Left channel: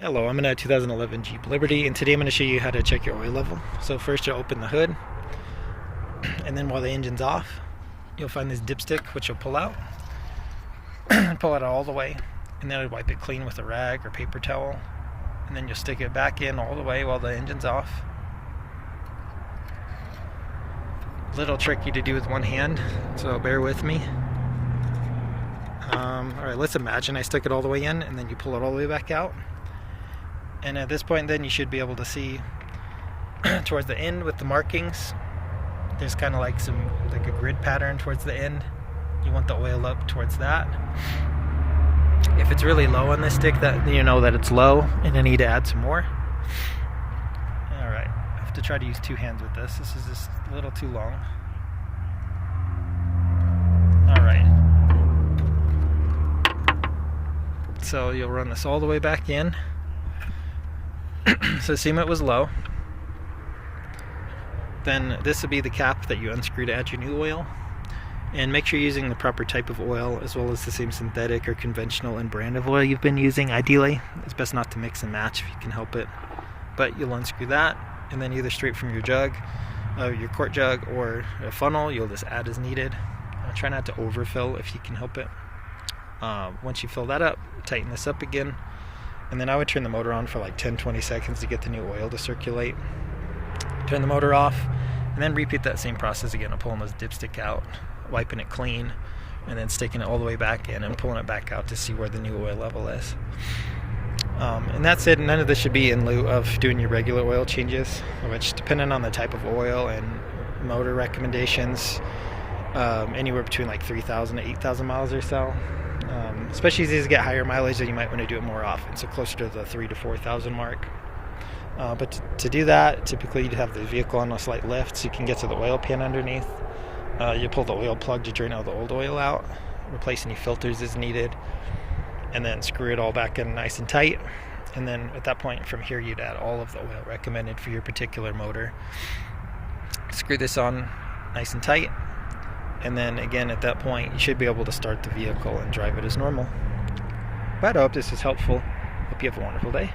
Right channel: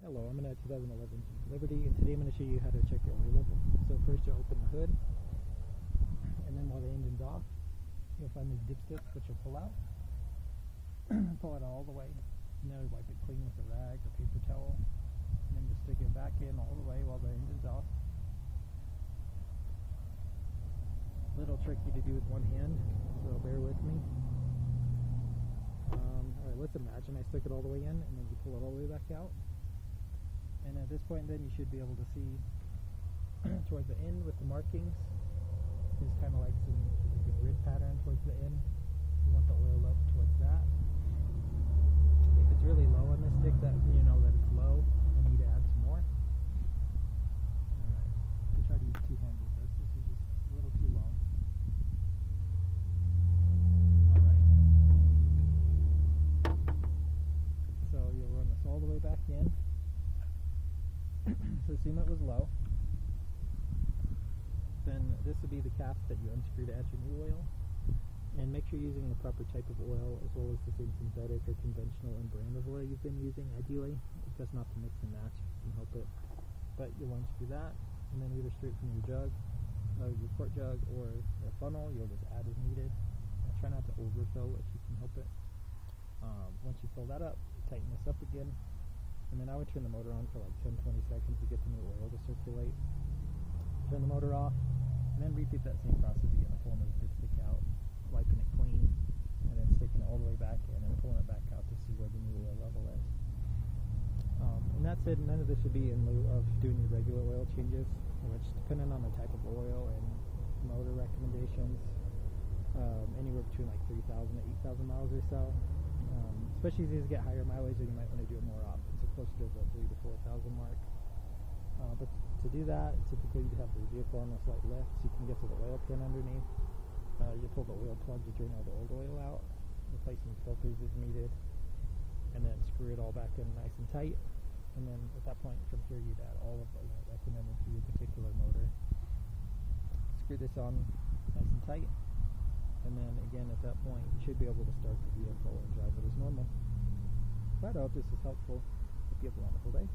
Hello, I'm in a 2011 Jeep Liberty, and today I'm going to show you how to check your oil level. So first you'll open the hood, and then while the engine's off, you'll find this dipstick, which you'll pull out. Pull it all the way, and then wipe it clean with a rag or paper towel, and then you'll stick it back in all the way while the engine's off. A little tricky to do with one hand, so bear with me. Alright, let's imagine I stuck it all the way in, and then you pull it all the way back out. And at this point then you should be able to see towards the end with the markings, there's kind of like a grid pattern towards the end. You want the oil up towards that. If it's really low on this stick, that you know that it's low and you need to add some more. Alright, I have to try to use two hands with this. This is just a little too long. Alright. So you'll run this all the way back in. So assume it was low. Then this would be the cap that you unscrew to add your new oil. And make sure you're using the proper type of oil, as well as the same synthetic or conventional and brand of oil you've been using. Ideally, it's best not to mix and match if you can help it. But you'll unscrew that, and then either straight from your jug, your quart jug, or a funnel, you'll just add as needed. Try not to overfill if you can help it. Once you fill that up, tighten this up again. And then I would turn the motor on for like 10-20 seconds to get the new oil to circulate. Turn the motor off, and then repeat that same process again of pulling this dipstick out, wiping it clean, and then sticking it all the way back in and pulling it back out to see where the new oil level is. And that's it. None of this should be in lieu of doing your regular oil changes, which, depending on the type of oil and motor recommendations, anywhere between like 3,000 to 8,000 miles or so. Especially as these get higher mileage, then you might want to do it more often, so closer to the 3,000 to 4,000 mark. But to do that, typically you'd have the vehicle on a slight lift so you can get to the oil pan underneath. You pull the oil plug to drain all the old oil out, replace any filters as needed, and then screw it all back in nice and tight. And then at that point, from here, you'd add all of the oil recommended for your particular motor. Screw this on nice and tight. And then again, at that point, you should be able to start the vehicle and drive it as normal. But I hope this is helpful. Hope you have a wonderful day.